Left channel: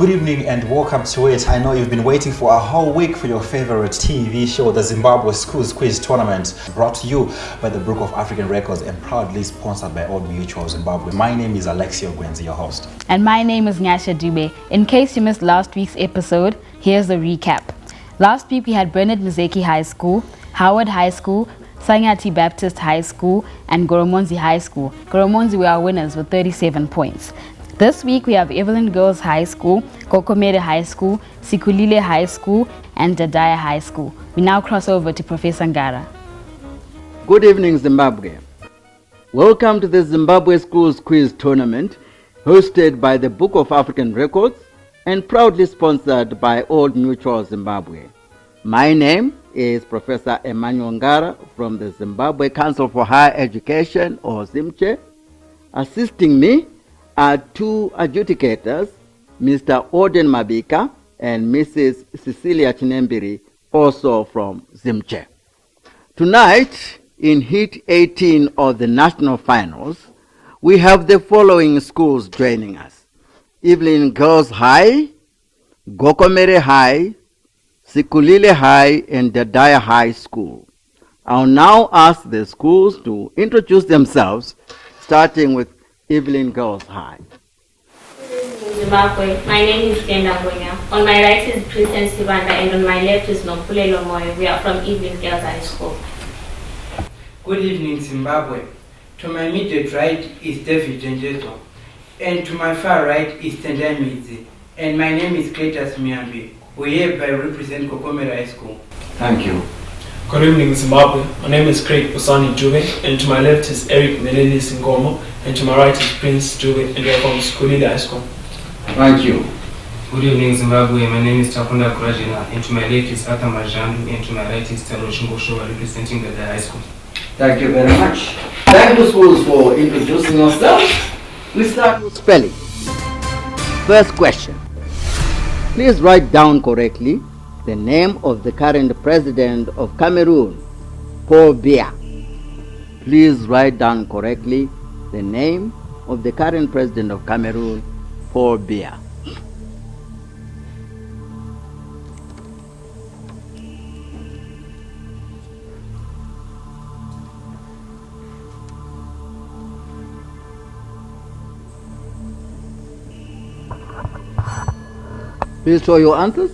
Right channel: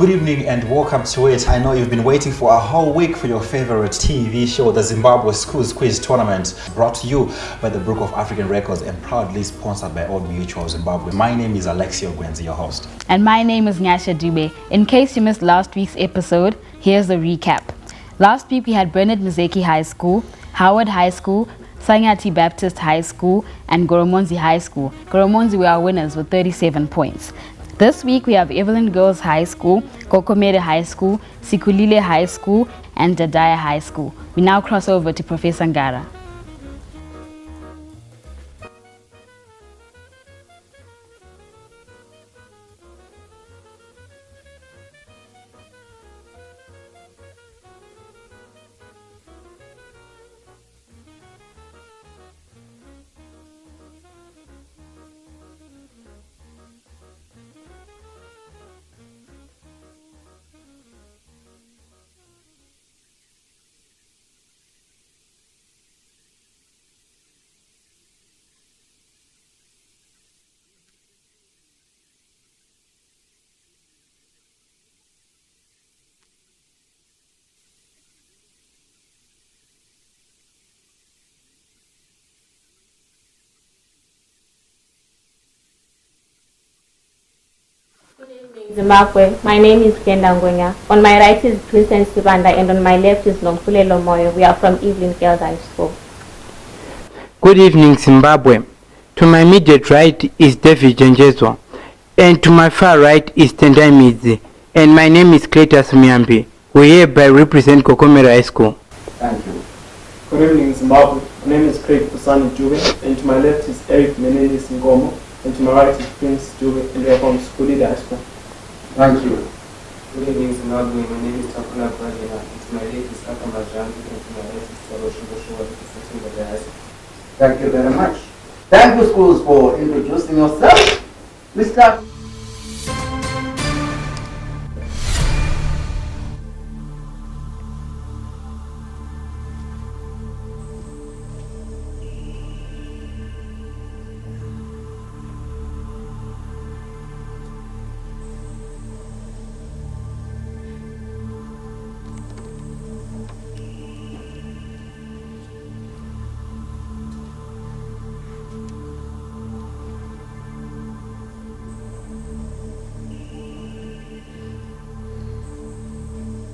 Good evening and welcome to it. I know you've been waiting for a whole week for your favorite TV show, the Zimbabwe Schools Quiz Tournament, brought to you by the Book of African Records and proudly sponsored by Old Mutual Zimbabwe. My name is Alexio Gwenzi, your host. And my name is Nyasha Dube. In case you missed last week's episode, here's the recap. Last week we had Bernard Mzeki High School, Howard High School, Sangati Baptist High School, and Goromonzi High School. Goromonzi were our winners with 37 points. This week we have Eveline Girls High School, Gokomere High School, Sikhulile High School, and Dadaya High School. We now cross over to Professor Ngara. Good evening, Zimbabwe. Welcome to the Zimbabwe Schools Quiz Tournament, hosted by the Book of African Records and proudly sponsored by Old Mutual Zimbabwe. My name is Professor Emmanuel Ngara from the Zimbabwe Council for Higher Education, or ZimChe. Assisting me are two adjudicators, Mr. Orden Mabika and Mrs. Cecilia Chinembiri, also from ZimChe. Tonight, in Heat 18 of the National Finals, we have the following schools joining us: Eveline Girls High, Gokomere High, Sikhulile High, and Dadaya High School. I'll now ask the schools to introduce themselves, starting with Eveline Girls High. Zimbabwe. My name is Kenda Ngonya. On my right is Princess Sibanda and on my left is Nomfule Lomoyo. We are from Eveline Girls High School. Good evening, Zimbabwe. To my immediate right is David Jenjezwa, and to my far right is Tendai Midzi, and my name is Cletus Miambi. We hereby represent Gokomere High School. Thank you. Good evening, Zimbabwe. My name is Craig Pusani Jube, and to my left is Eric Meleli Singomo, and to my right is Prince Jube, and we are from Sikhulile High School. Thank you. Good evening, Zimbabwe. My name is Takunda Kurajina, and to my left is Arthur Majandu, and to my right is Taro Shingoshowa, representing the high school. Thank you very much. Thank you, schools, for introducing yourselves. We start with spelling. First question. Please write down correctly the name of the current president of Cameroon, Paul Biya. Please write down correctly the name of the current president of Cameroon, Paul Biya. Please show your answers.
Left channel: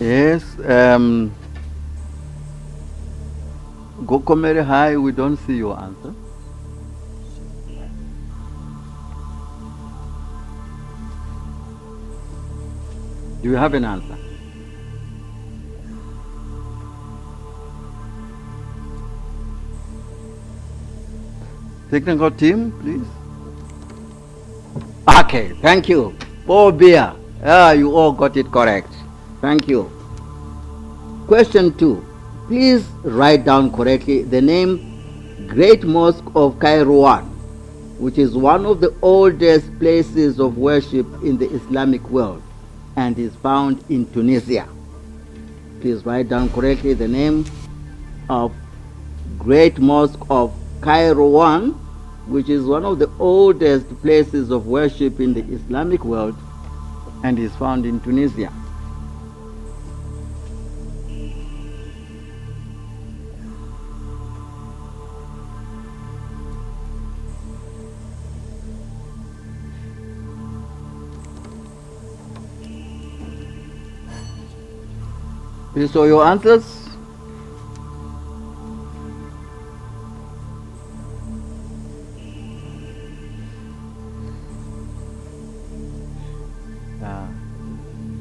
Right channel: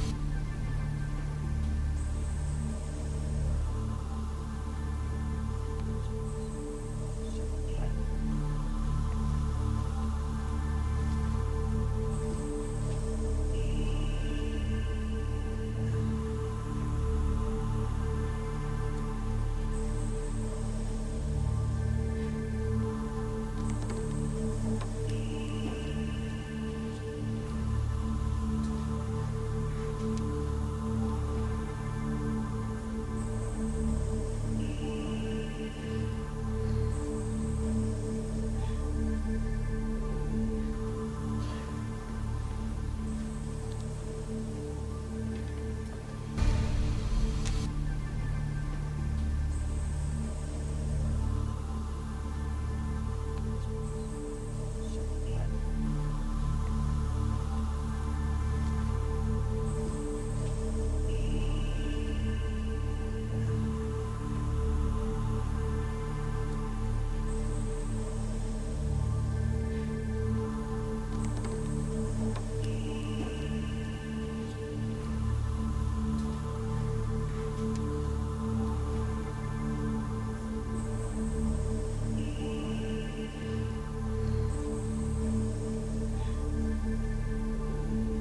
Yes, Gokomere High, we don't see your answer. Do you have an answer? Technical team, please. Okay, thank you. Paul Biya. You all got it correct. Thank you. Question 2. Please write down correctly the name Great Mosque of Kairouan, which is one of the oldest places of worship in the Islamic world and is found in Tunisia. Please write down correctly the name of Great Mosque of Kairouan, which is one of the oldest places of worship in the Islamic world and is found in Tunisia. Please show your answers.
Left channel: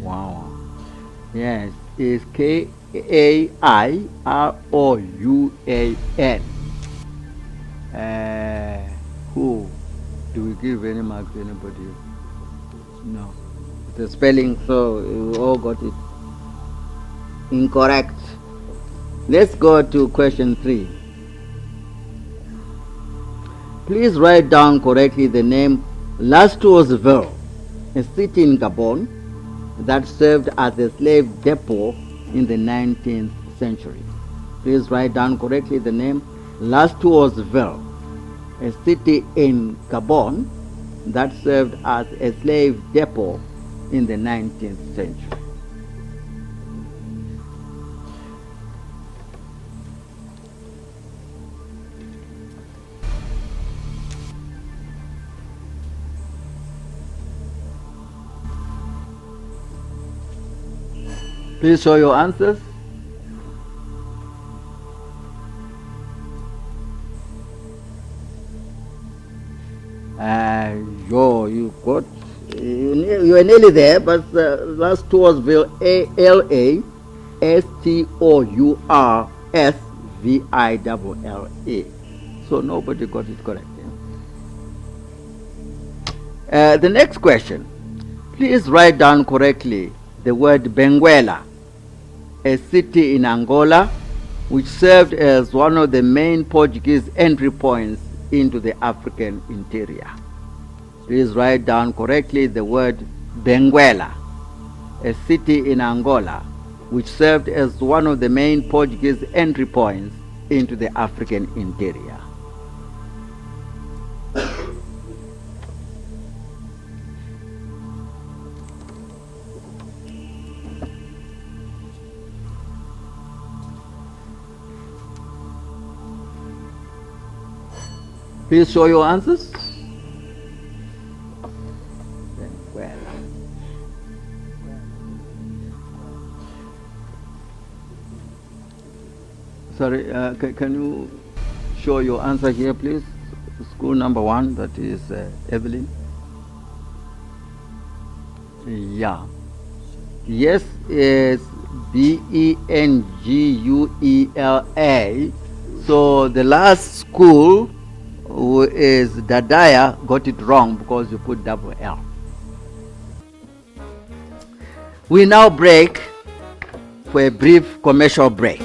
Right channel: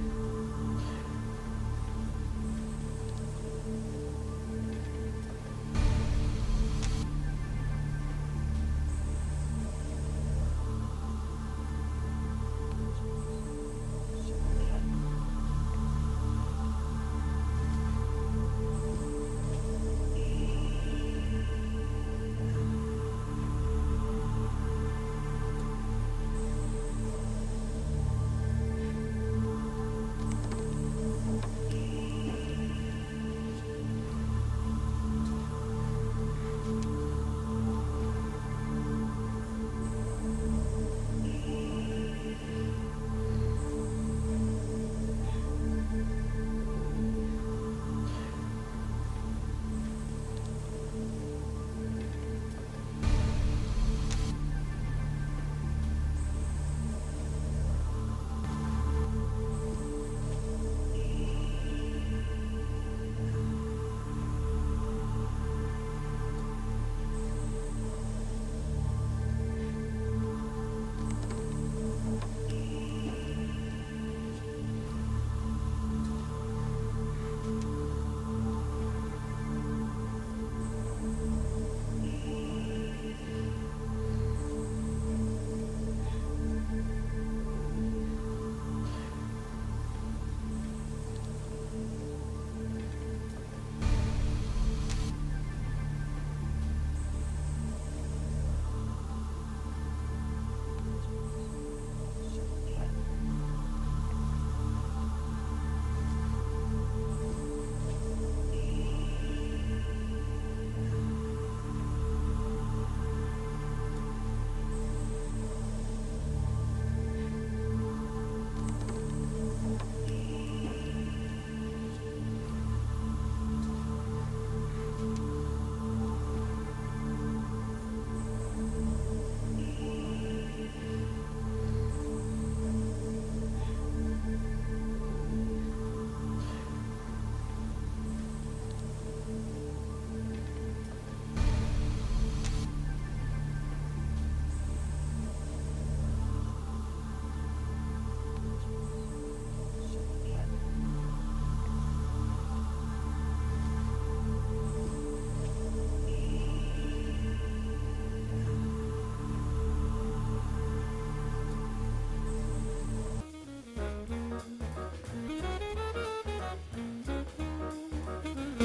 Wow. Yes, it's Kairouan. Who? Do we give any marks to anybody? No. The spelling, so we all got it incorrect. Let's go to question 3. Please write down correctly the name Lastroesville, a city in Gabon that served as a slave depot in the 19th century. Please write down correctly the name. Last two was Ville, a city in Gabon that served as a slave depot in the 19th century. Please show your answers. You got, you were nearly there, but last two was Alastourville. So nobody got it correct. The next question. Please write down correctly the word Benguela, a city in Angola which served as one of the main Portuguese entry points into the African interior. Please write down correctly the word Benguela, a city in Angola which served as one of the main Portuguese entry points into the African interior. Please show your answers. Sorry, can you show your answer here, please? School number 1, that is Eveline. Yeah. Yes, it's Benguela. So the last school, who is Dadaya, got it wrong because you put double L. We now break for a brief commercial break.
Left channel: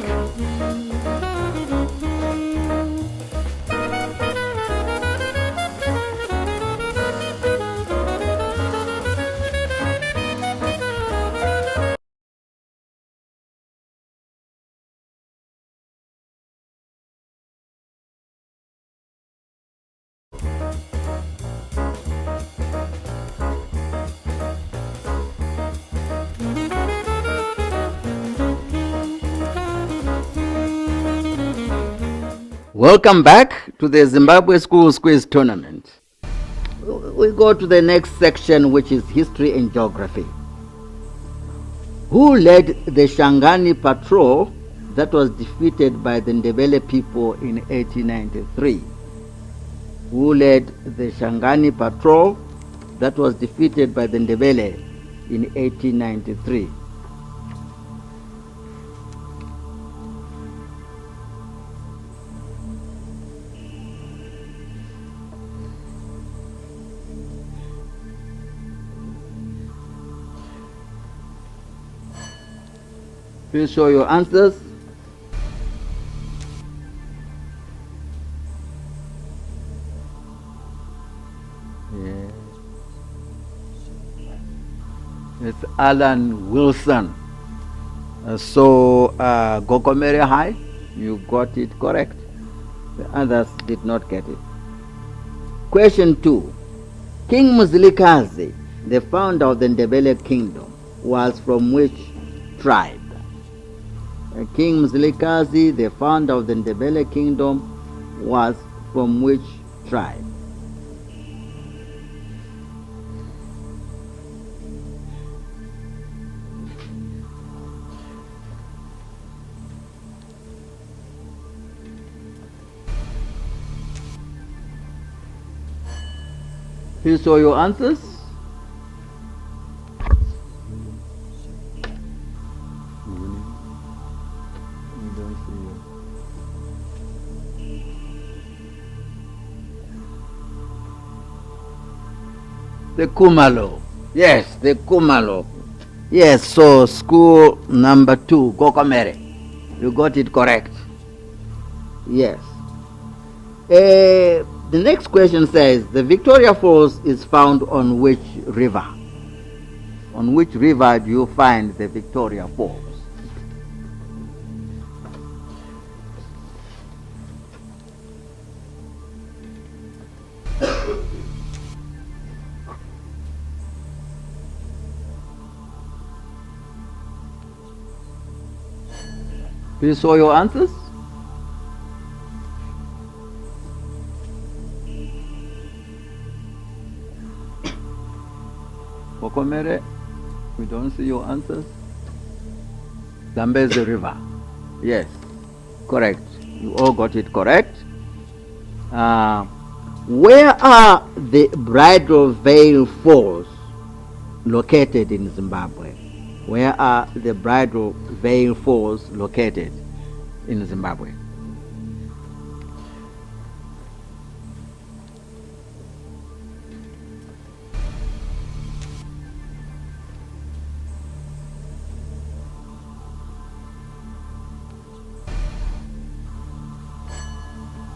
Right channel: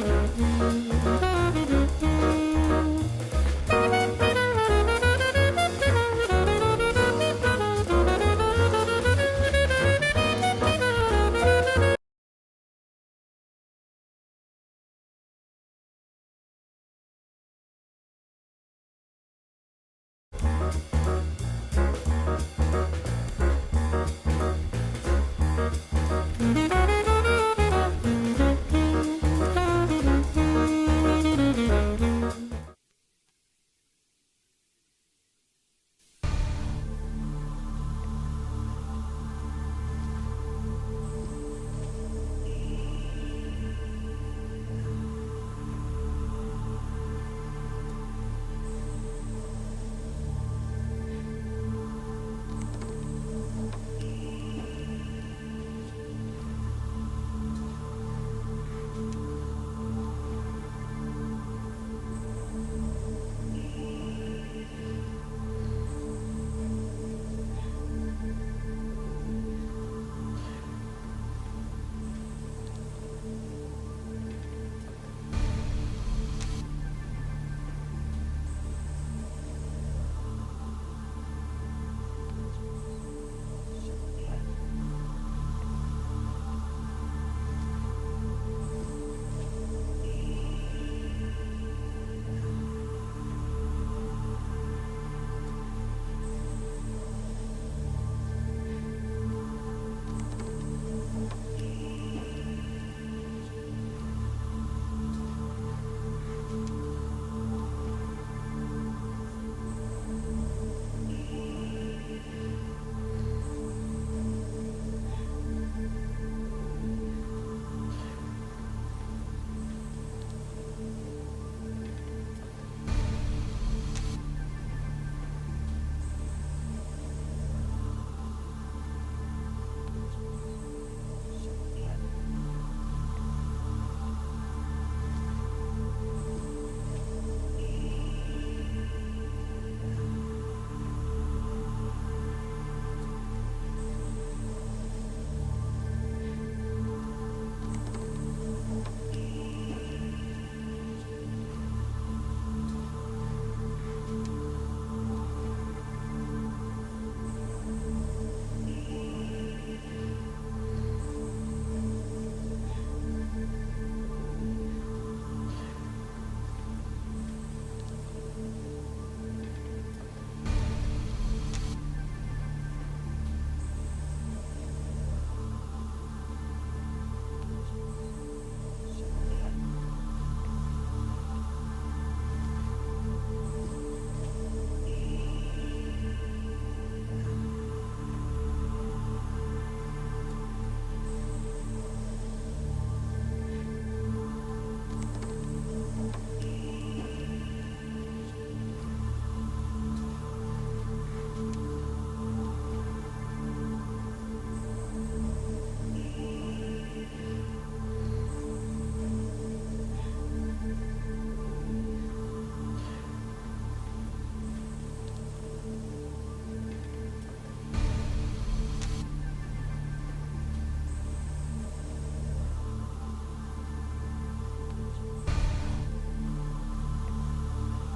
Welcome back to the Zimbabwe Schools Quiz Tournament. We go to the next section, which is history and geography. Who led the Shangani patrol that was defeated by the Ndebele people in 1893? Who led the Shangani patrol that was defeated by the Ndebele in 1893? Please show your answers. It's Alan Wilson. Gokomere High, you got it correct. The others did not get it. Question 2. King Mzilikazi, the founder of the Ndebele kingdom, was from which tribe? King Mzilikazi, the founder of the Ndebele kingdom, was from which tribe? Please show your answers. The Kumalo. Yes, the Kumalo. Yes, so school number 2, Gokomere. You got it correct. Yes. The next question says, the Victoria Falls is found on which river? On which river do you find the Victoria Falls? Please show your answers. Gokomere, we don't see your answers. Zambezi River. Yes, correct. You all got it correct. Where are the Bridal Veil Falls located in Zimbabwe? Where are the Bridal Veil Falls located in Zimbabwe?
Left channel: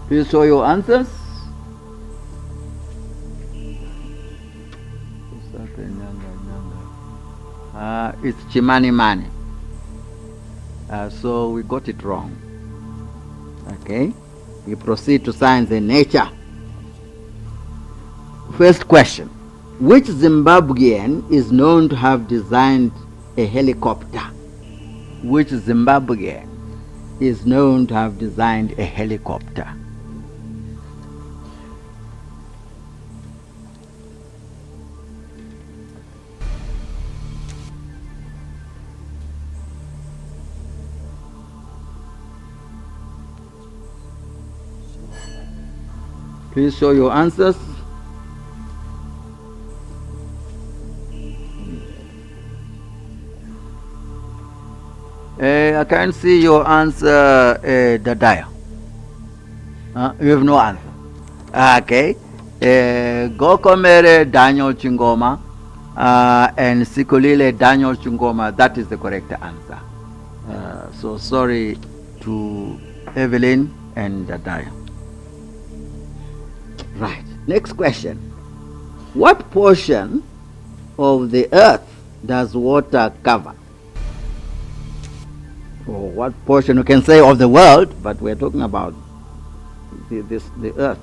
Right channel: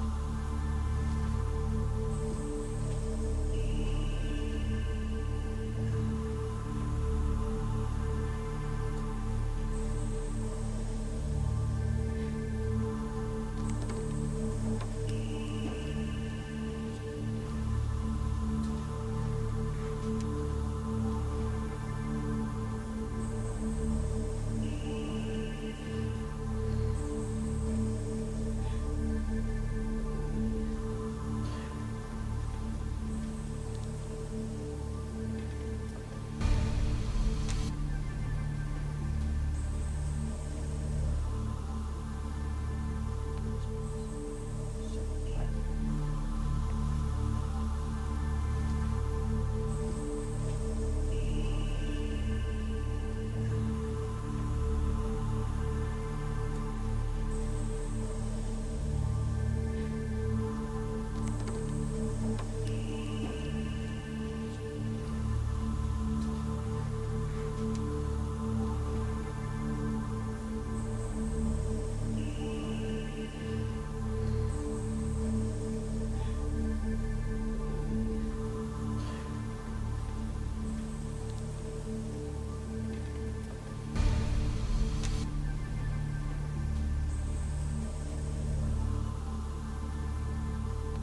Please show your answers. It's Chimani Mani. So we got it wrong. Okay. We proceed to science and nature. First question. Which Zimbabwean is known to have designed a helicopter? Which Zimbabwean is known to have designed a helicopter? Please show your answers. I can't see your answer, Dadaya. You have no answer. Okay. Gokomere Daniel Chingoma and Sikhulile Daniel Chingoma. That is the correct answer. So sorry to Eveline and Dadaya. Right. Next question. What portion of the earth does water cover? Or what portion, you can say, of the world, but we're talking about the earth.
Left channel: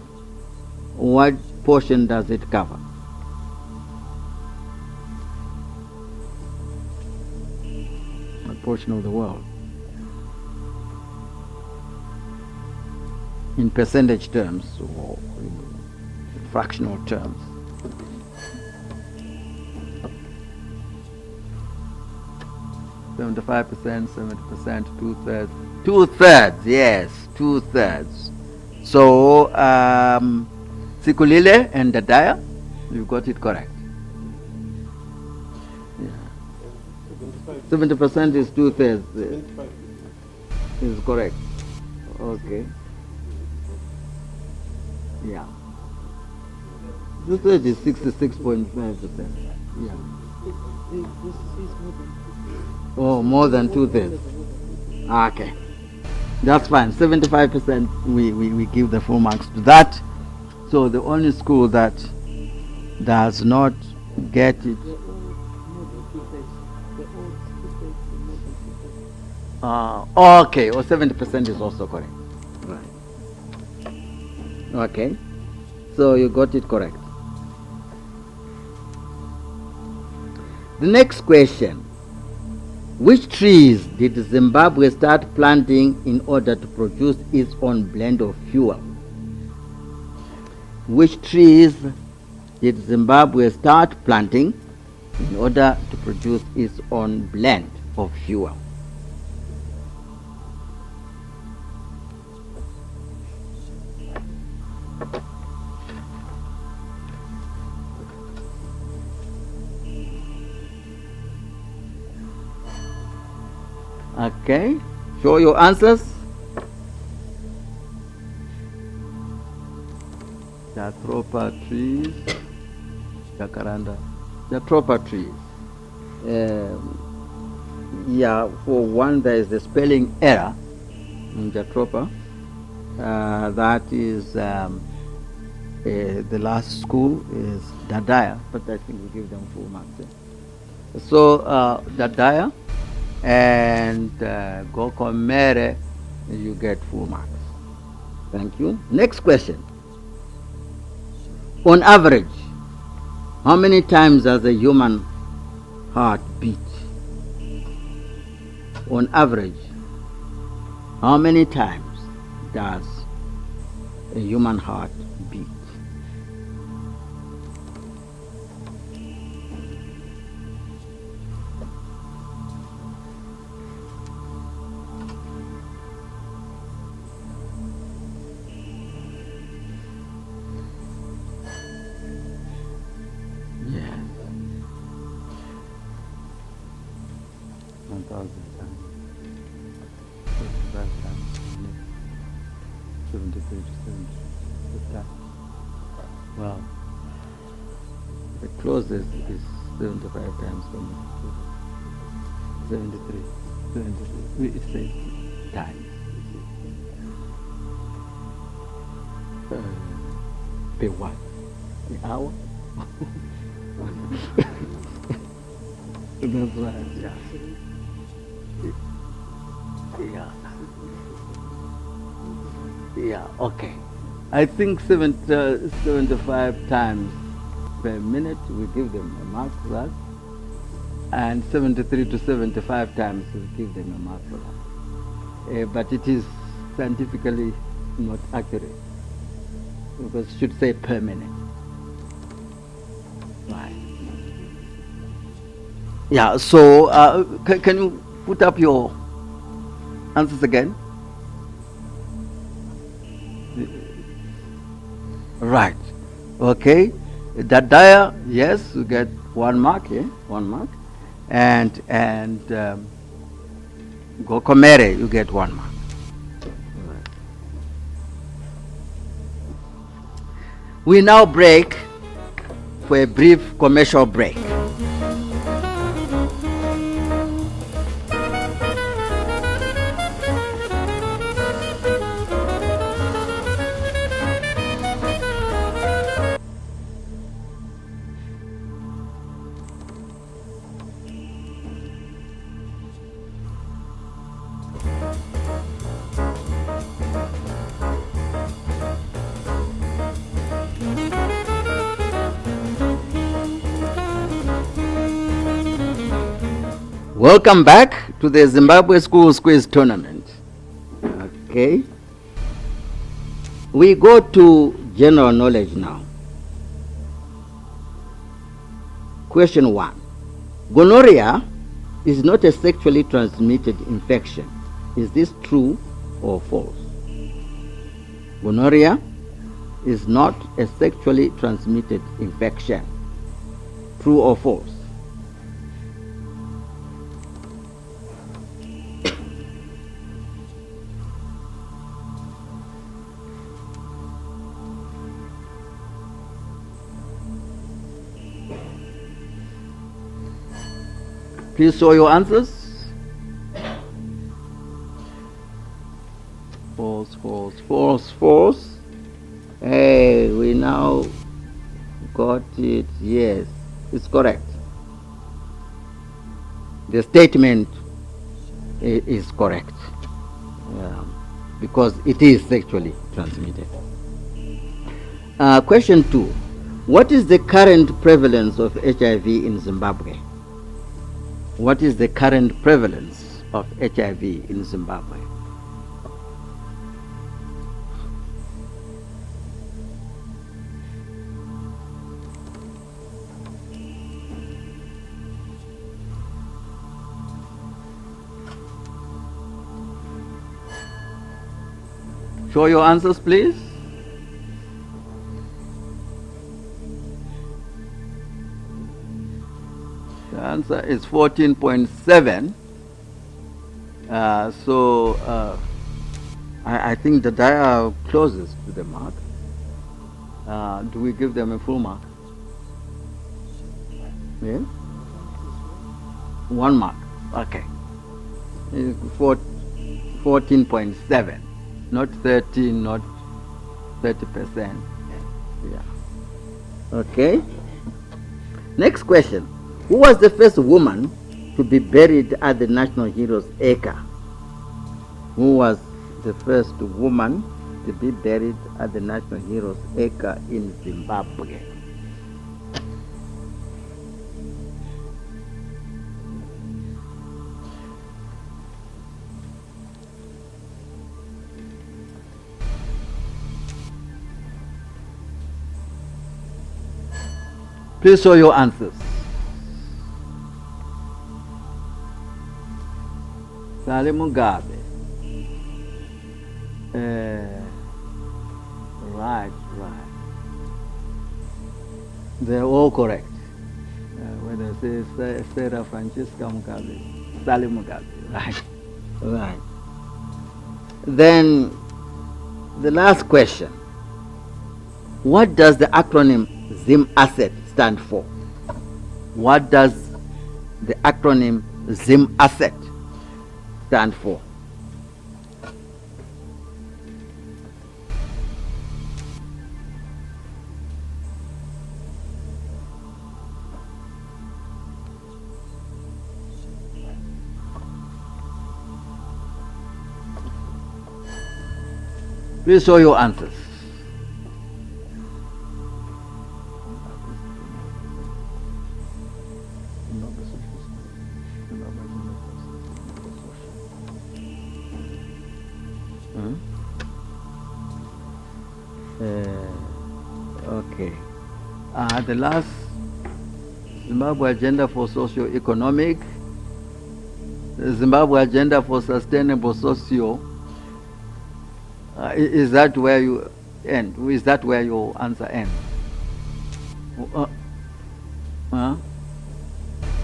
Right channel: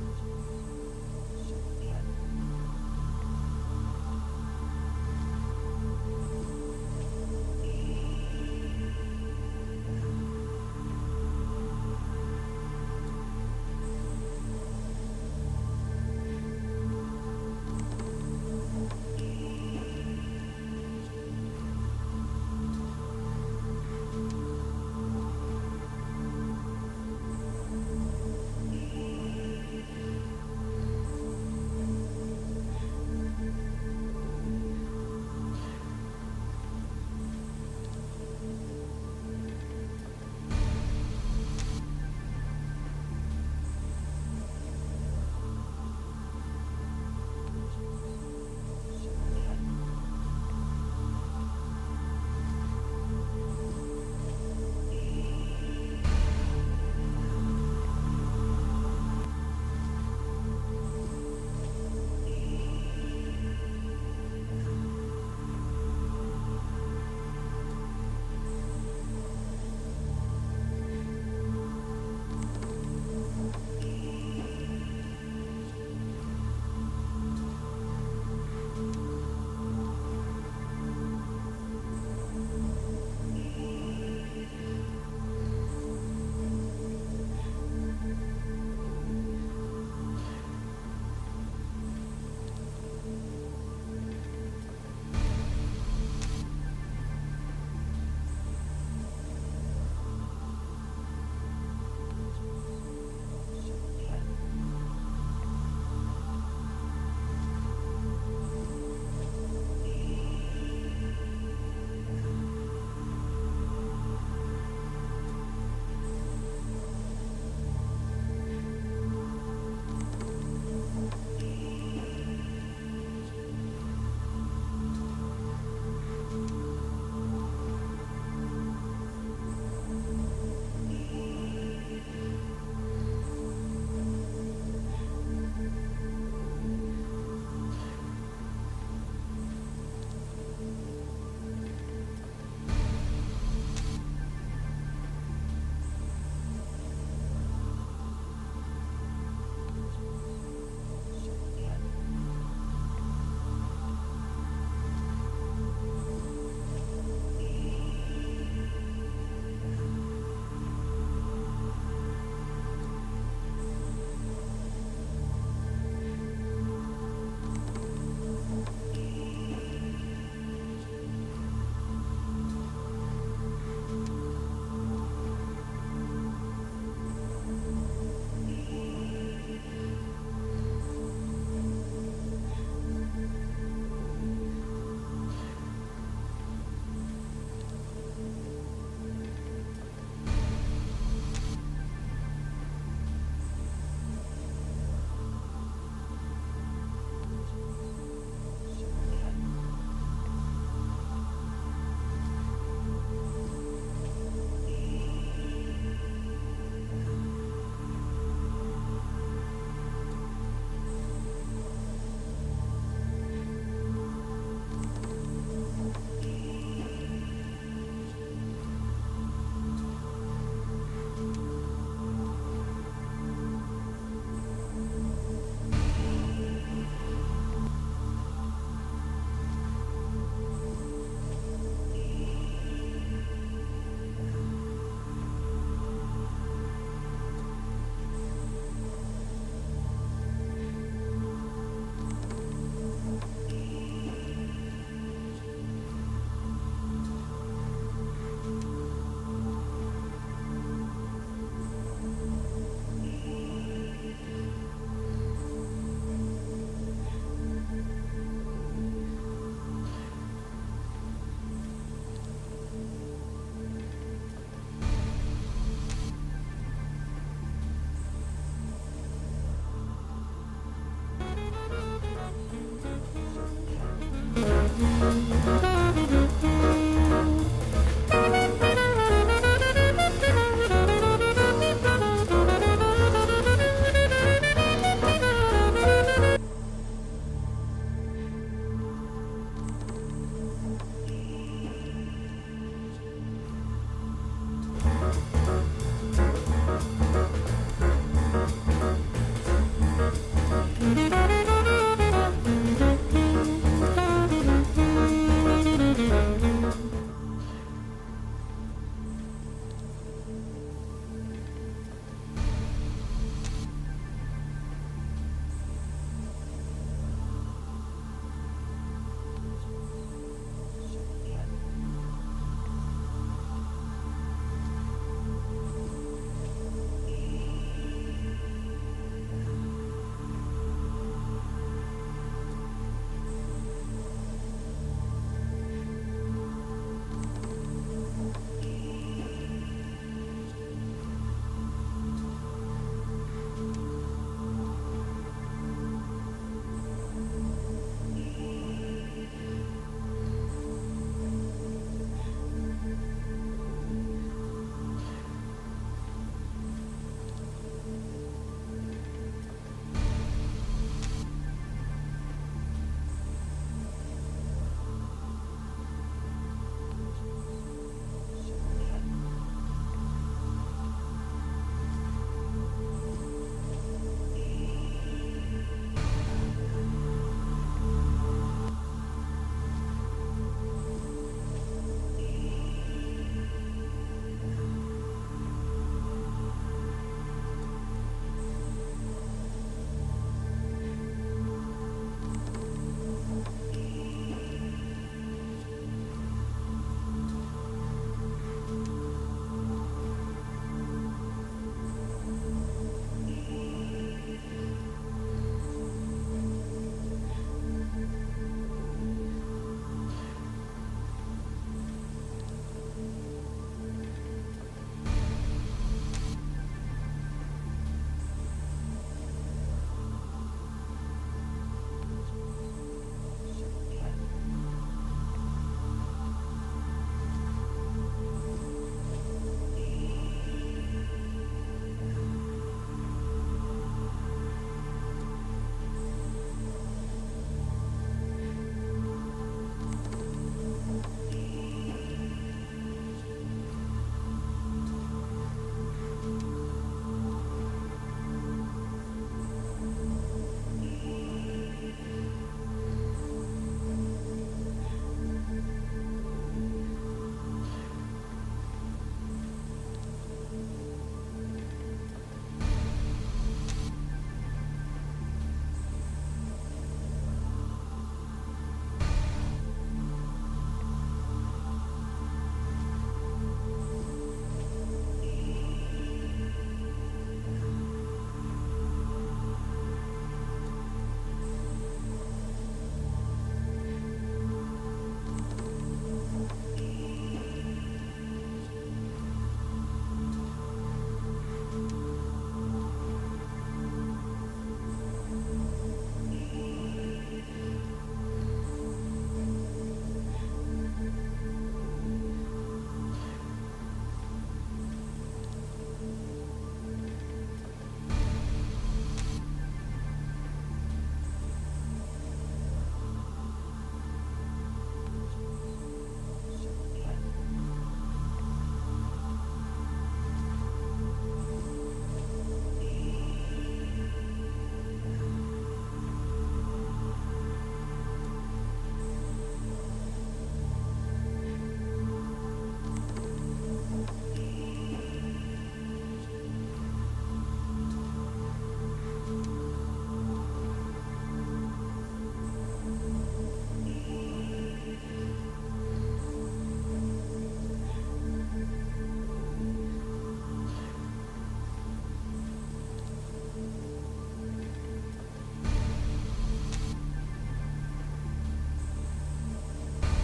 What portion does it cover? What portion of the world? In percentage terms or fractional terms. $75%, 70%, 2/3. 2/3, yes, 2/3. So, Sikhulile and Dadaya, you got it correct. 70% is 2/3. Is correct. Okay. Yeah. 2/3 is 66.5%. Yeah. Oh, more than 2/3. Okay. That's fine. 75% we give the full marks to that. So the only school that does not get it. Okay, or 70% is also correct. Okay. So you got it correct. The next question. Which trees did Zimbabwe start planting in order to produce its own blend of fuel? Which trees did Zimbabwe start planting in order to produce its own blend of fuel? Okay, show your answers. The proper trees, Jacaranda. The proper trees. Yeah, for one there is a spelling error in the proper. That is the last school is Dadaya, but I think we give them full marks. So Dadaya and Gokomere, you get full marks. Thank you. Next question. On average, how many times does a human heart beat? On average, How many times does a human heart beat? Well, the closest is 75 times 73. 73 it says time. The what? The hour? That's right, yeah. Yeah, okay. I think 75 times per minute we give them a mark for that. And 73 to 75 times we give them a mark for that. But it is scientifically not accurate. Because it should say per minute. Right. Yeah, so can you put up your answers again? Right. Okay. Dadaya, yes, you get 1 mark, yeah, 1 mark. And Gokomere, you get 1 mark. We now break for a brief commercial break. Welcome back to the Zimbabwe Schools Quiz Tournament. Okay. We go to general knowledge now. Question 1. Gonorrhea is not a sexually transmitted infection. Is this true or false? Gonorrhea is not a sexually transmitted infection. True or false? Please show your answers. False, false, false, false. Hey, we now got it. Yes, it's correct. The statement is correct because it is sexually transmitted. Question 2. What is the current prevalence of HIV in Zimbabwe? What is the current prevalence of HIV in Zimbabwe? Show your answers, please. The answer is 14.7. I think the Dadaya closest to the mark. Do we give them a full mark? Yeah? 1 mark. Okay. 14.7. Not 13, not 30%. Yeah. Okay. Next question. Who was the first woman to be buried at the National Heroes Acre? Who was the first woman to be buried at the National Heroes Acre in Zimbabwe? Please show your answers. Sale Mugabe. Right. They're all correct. When I say Sarah Francisca Mugabe, Sale Mugabe. Right. Then the last question. What does the acronym Zim Asset stand for? What does the acronym Zim Asset stand for? Please show your answers. Okay. The last Zimbabwe Agenda for Socio-Economic, Zimbabwe Agenda for Sustainable Socio. Is that where you end? Is that where your answer ends?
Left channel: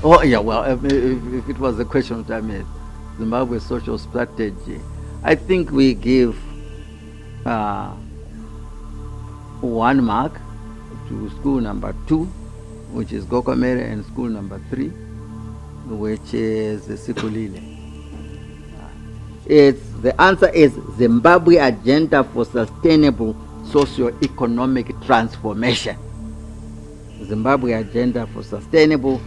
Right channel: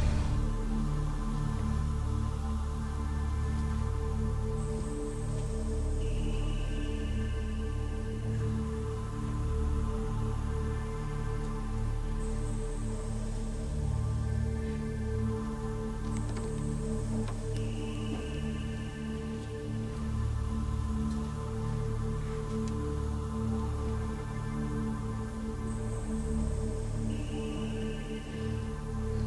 Oh, yeah, well, if it was the question which I made, Zimbabwe social strategy, I think we give 1 mark to school number 2, which is Gokomere, and school number 3, which is Sikhulile. The answer is Zimbabwe Agenda for Sustainable Socio-Economic Transformation. Zimbabwe Agenda for Sustainable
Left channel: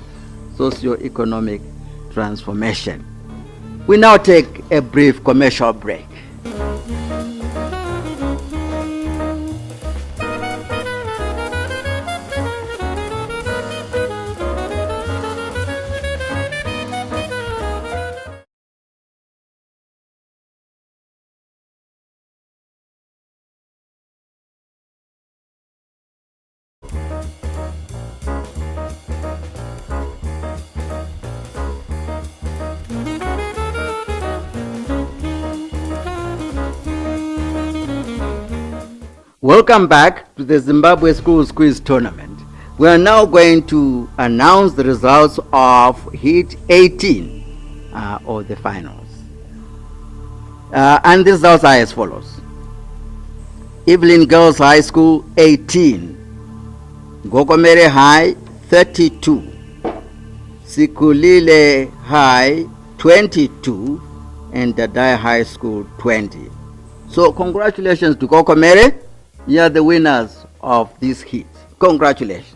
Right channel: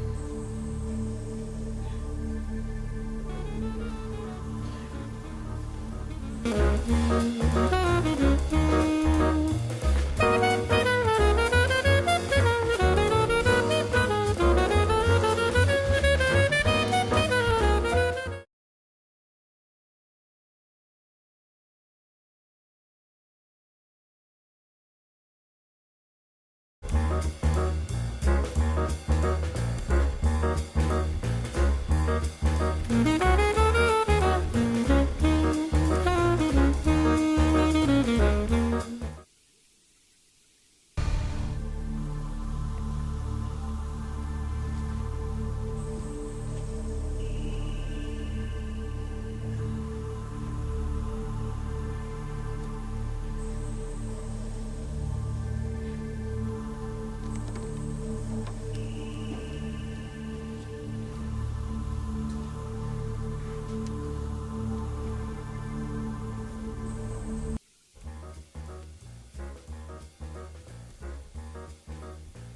Socio-Economic Transformation. We now take a brief commercial break. Welcome back to the Zimbabwe Schools Quiz Tournament. We are now going to announce the results of Heat 18 of the finals. And the results are as follows. Eveline Girls High School 18, Gokomere High 32, Sikhulile High 22, and Dadaya High School 20. So congratulations to Gokomere. You are the winners of this heat. Congratulations.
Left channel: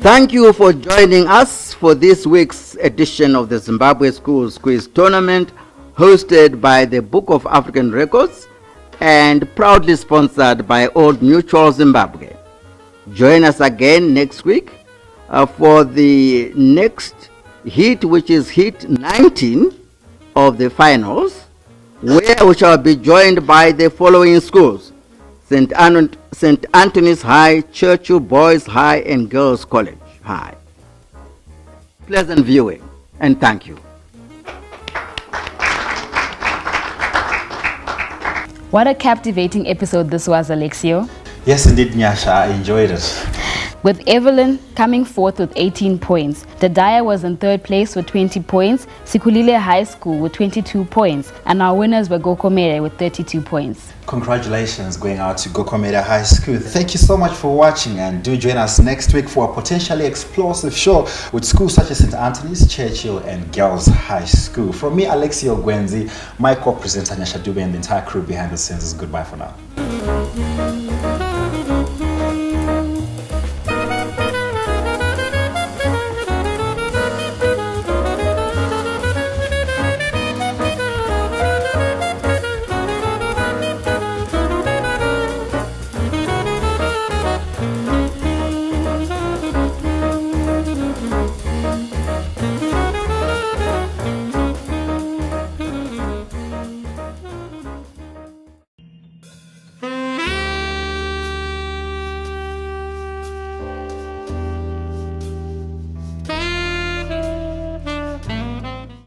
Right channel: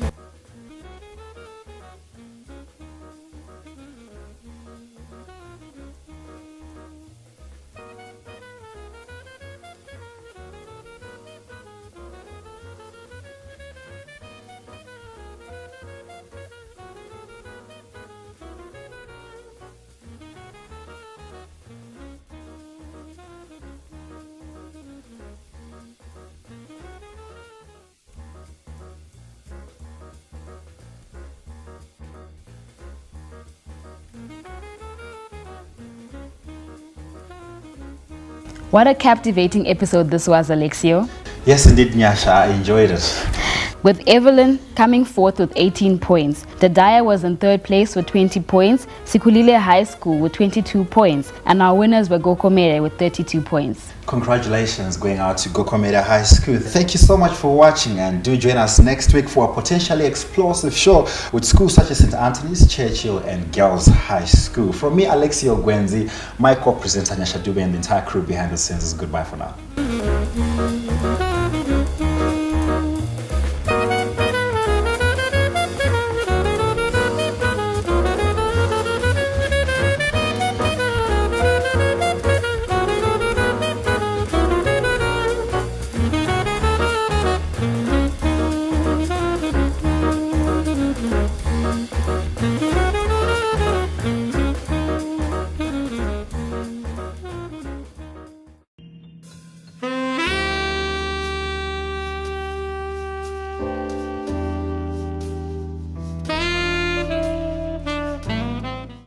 Thank you for joining us for this week's edition of the Zimbabwe Schools Quiz Tournament, hosted by the Book of African Records and proudly sponsored by Old Mutual Zimbabwe. Join us again next week for the next heat, which is heat 19 of the finals, where we shall be joined by the following schools: St. Anthony's High, Churchill Boys High, and Girls College High. Pleasant viewing, and thank you. What a captivating episode this was, Alexio. Yes, indeed, Nyasha, I enjoyed it. With Eveline coming fourth with 18 points, Dadaya was in third place with 20 points, Sikhulile High School with 22 points, and our winners were Gokomere with 32 points. Congratulations going out to Gokomere High School. Thank you so much for watching, and do join us next week for a potentially explosive show with schools such as St. Anthony's, Churchill, and Girls High School. From me, Alexio Gwenzi, my co-presenter Nyasha Dube, and the entire crew behind the scenes is goodbye for now.